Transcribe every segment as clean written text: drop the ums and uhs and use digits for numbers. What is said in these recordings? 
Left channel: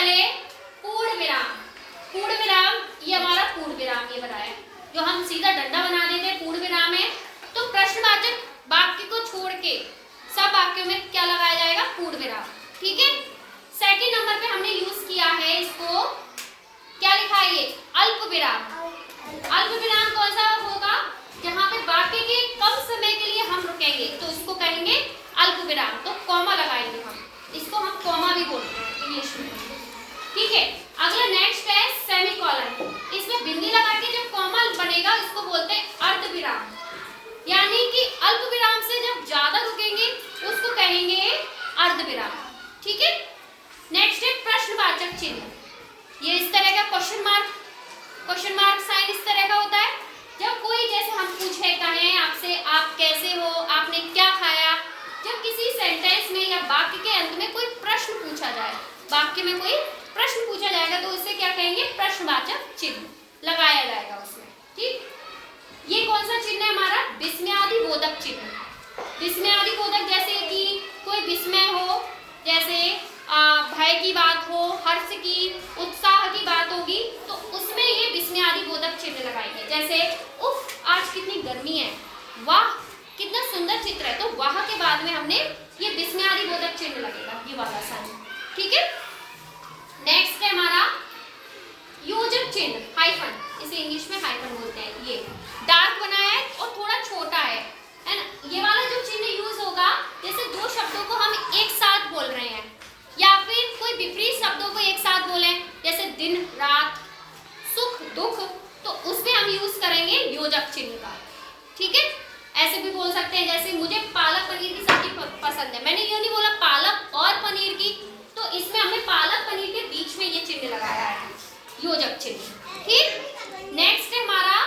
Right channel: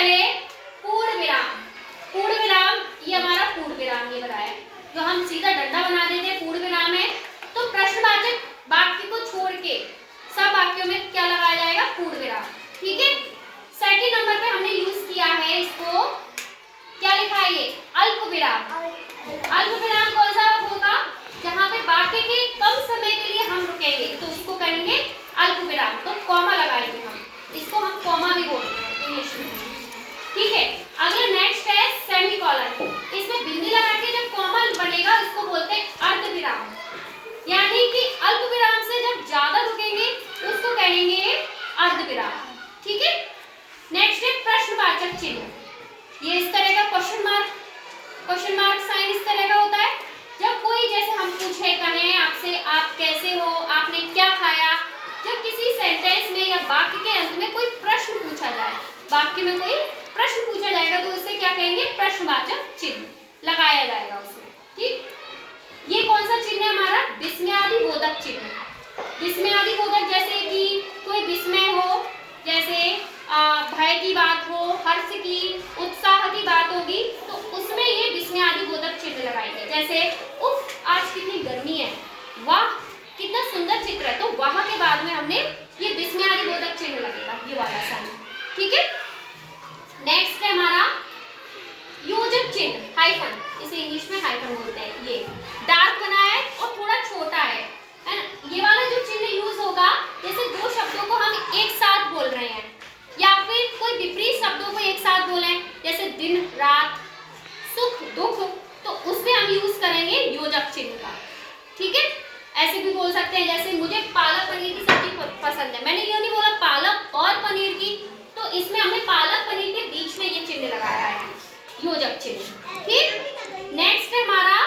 पहले पूर्ण विराम, पूर्ण विराम ये हमारा पूर्ण विराम ये बनाया, जो हम सीधा डंडा बना देते पूर्ण विराम है। तो प्रश्नवाचक वाक्य को छोड़ के सब वाक्यों में क्या लगाया जाएगा, पूर्ण विराम। ठीक है, सेकंड नंबर पे हमने यूज किया है इसको, क्या लिखा है ये, अल्प विराम। अल्प विराम कौन सा होगा, जहां पे वाक्य के कम समय के लिए हम रुकेंगे तो उसको कहेंगे अल्प विराम। तो कॉमा लगाएंगे हम, इसको हम कॉमा भी बोलते हैं इंग्लिश में। ठीक है, अगला नेक्स्ट है सेमीकोलन। इसमें बिंदी लगा के जब कॉमा बनेगा इसको बोलते हैं अर्ध विराम, यानी कि अल्प विराम से जब ज्यादा रुकेंगे उसको कहेंगे अर्ध विराम। ठीक है, नेक्स्ट है प्रश्नवाचक चिन्ह। ये इस तरह का क्वेश्चन मार्क साइन इस तरह का होता है। जब कोई जैसे हम पूछे कहें आपसे आप कैसे हो, आपने क्या खाया, जब किसी सेंटेंस में या वाक्य के अंत में कोई प्रश्न पूछा जाए, वाक्य में कोई प्रश्न पूछा जाएगा तो उससे क्या कहेंगे, प्रश्नवाचक चिन्ह लगाया जाएगा उसमें। ठीक, ये कौन सा चिन्ह है हमारा, विस्मयादिबोधक चिन्ह। विस्मयादिबोधक जैसे कि कोई विस्मय हो, जैसे भय की बात हो, हर्ष की, उत्साह की बात होगी तो उसमें ये विस्मयादिबोधक चिन्ह लगाएंगे। जैसे उफ आज कितनी गर्मी है, वाह कितना सुंदर चित्र है, तो वाह के बाद में हमने ये विस्मयादिबोधक चिन्ह लगेगा, ये वाला साइन। ठीक है, नेक्स्ट है हमारा योजक चिन्ह, हाइफन, इसे इंग्लिश में हाइफन बोलते हैं। ये डार्क बना है और थोड़ा छोटा है ना, ये वाला जो चिन्ह यूज होगा जैसे दो शब्दों को हम एक साथ बोल रहे हैं या फिर कोई विपरीत शब्दों को एक साथ बोलें, जैसे दिन रात, सुख दुख, तो उसमें हम यूज करेंगे योजक चिन्ह का। ठीक है, ऐसे भी बोल सकते हैं जैसे मुझे पालक पनीर की सब्जी पसंद है, मैंने ये नहीं बोला पालक और पनीर की, तो इसमें हमने पालक पनीर के बीच में ये चिन्ह लगाया है, योजक चिन्ह। ठीक, नेक्स्ट है हमारा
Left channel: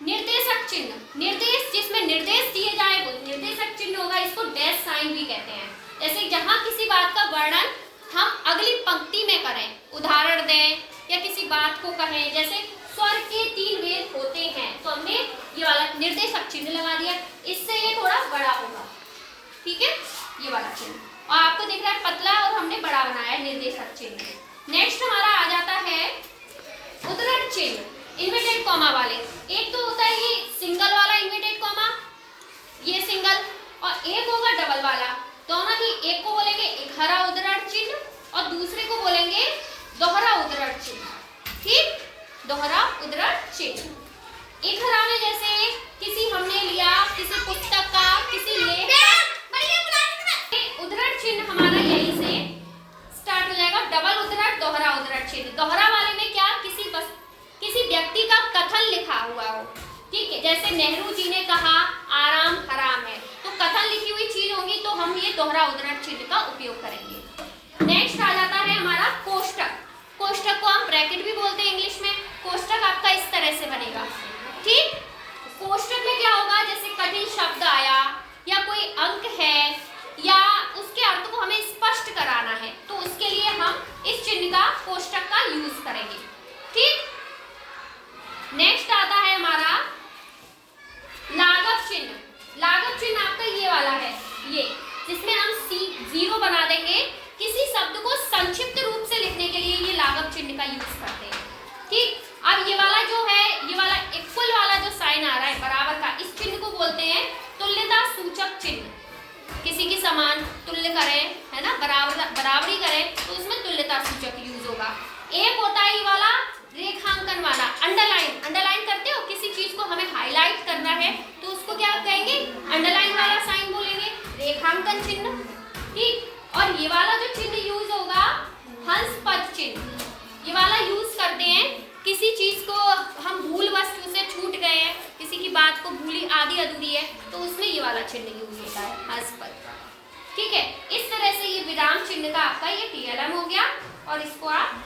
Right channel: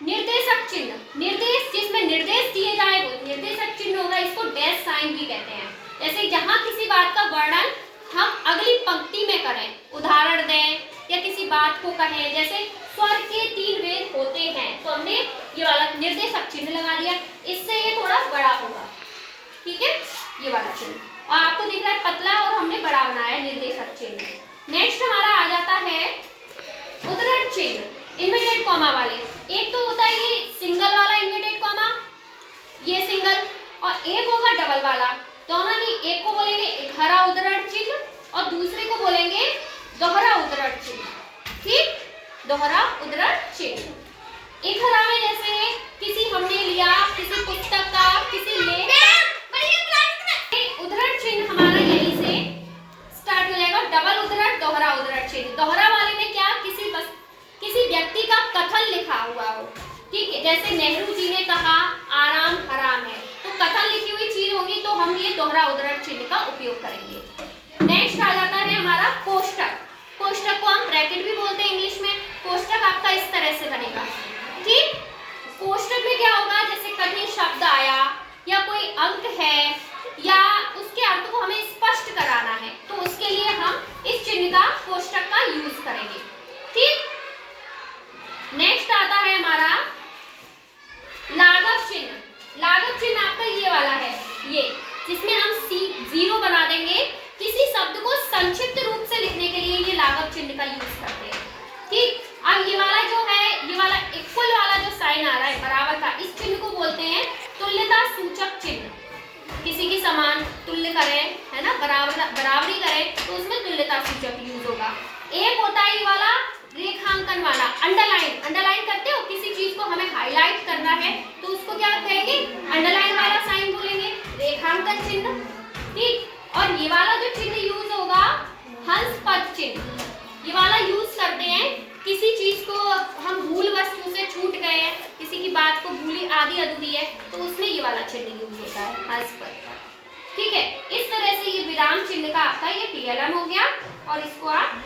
निर्देशक चिन्ह। निर्देश, जिसमें निर्देश दिए जाए वो निर्देशक चिन्ह होगा, इसको डैश साइन भी कहते हैं। जैसे जहां किसी बात का वर्णन हम अगली पंक्ति में करें, उदाहरण दें या किसी बात को कहें, जैसे स्वर के 3 वेद होते हैं तो हमने ये वाला निर्देशक चिन्ह लगा दिया, इससे ये थोड़ा बड़ा होगा। ठीक है, ये वाला चिन्ह, और आपको दिख रहा है पतला और हमने बड़ा बनाया निर्देशक चिन्ह। नेक्स्ट हमारा आ जाता है उद्धरण चिन्ह, इन्वर्टेड कॉमा वाले। एक तो होता है ये सिंगल वाला इन्वर्टेड कॉमा, ये सिंगल, और एक होगा डबल वाला। दोनों ही, एक को बोलेंगे इकहरा उद्धरण चिन्ह और दूसरे को बोलेंगे दोहरा उद्धरण चिन्ह। ठीक, दोहरा उद्धरण चिन्ह। इकहरा में जैसे किसी हमने लिया किसी पुस्तक का, किसी लेख का, उद्धरण चिन्ह हमारा यहीं से स्टार्ट हो जाएगा। डबल उद्धरण, दोहरा उद्धरण चिन्ह। दोहरा वाले में क्या, किसी व्यक्ति का कथन लिखा हुआ हो। ठीक है, जैसे नेहरू जी ने कहा आराम हराम है, तो कथन लिखी हुई चीज होगी तो हम ये दोहरा उद्धरण चिन्ह का उपयोग करेंगे। नेक्स्ट आ जाता है हमारा कोष्टक। कोष्टक को हम ब्रैकेट भी बोलते हैं इंग्लिश में। कोष्टक आपका इस तरह से बनेगा। ठीक, कोष्टक में क्या होगा, जैसे कठिन शब्द आया या कोई अंक है या उसके अर्थ को हमें स्पष्ट कराना है तो उसके लिए हम इस चिन्ह का, कोष्टक का यूज करेंगे। ठीक, नेक्स्ट आता है हमारा लाघव चिन्ह। लाघव चिन्ह आपका ये वाला है, ये जिसमें हम जीरो बना देंगे। किसी शब्द को संक्षिप्त रूप से लिखने के लिए ये लाघव चिन्ह का यूज करते हैं। ठीक, अब ये वाला जो है, ये वाला इक्वल वाला जो साइन आ रहा है बराबर का, इस चिन्ह को बोलते हैं तुल्यता सूचक चिन्ह। किसी की समान तुल्य करें, है ना, बराबरी करें तो उसमें तुल्यता सूचक यूज होगा। एक होता है ये वाला रेखांकन वाला, अंडरलाइन। अंडरलाइन करते हो, किसी चीज को हमें हाईलाइट करना है तो उसको क्या कहेंगे, अंडरलाइन वाला साइन बोलेंगे, रेखांकन चिन्ह। ठीक, और ये वाला जो चिन्ह यूज होगा हंस पद चिन्ह, ये वाला यूज करते हैं किसी चीज को हम भूलवश से छूट गए हैं, किसी की बात को भूली आधी अधूरी है तो उसमें ये वाला चिन्ह यूज होता है, हंस पद। ठीक है, इस तरह से ये विराम चिन्ह का आपका ये TLM हो गया और इसको आप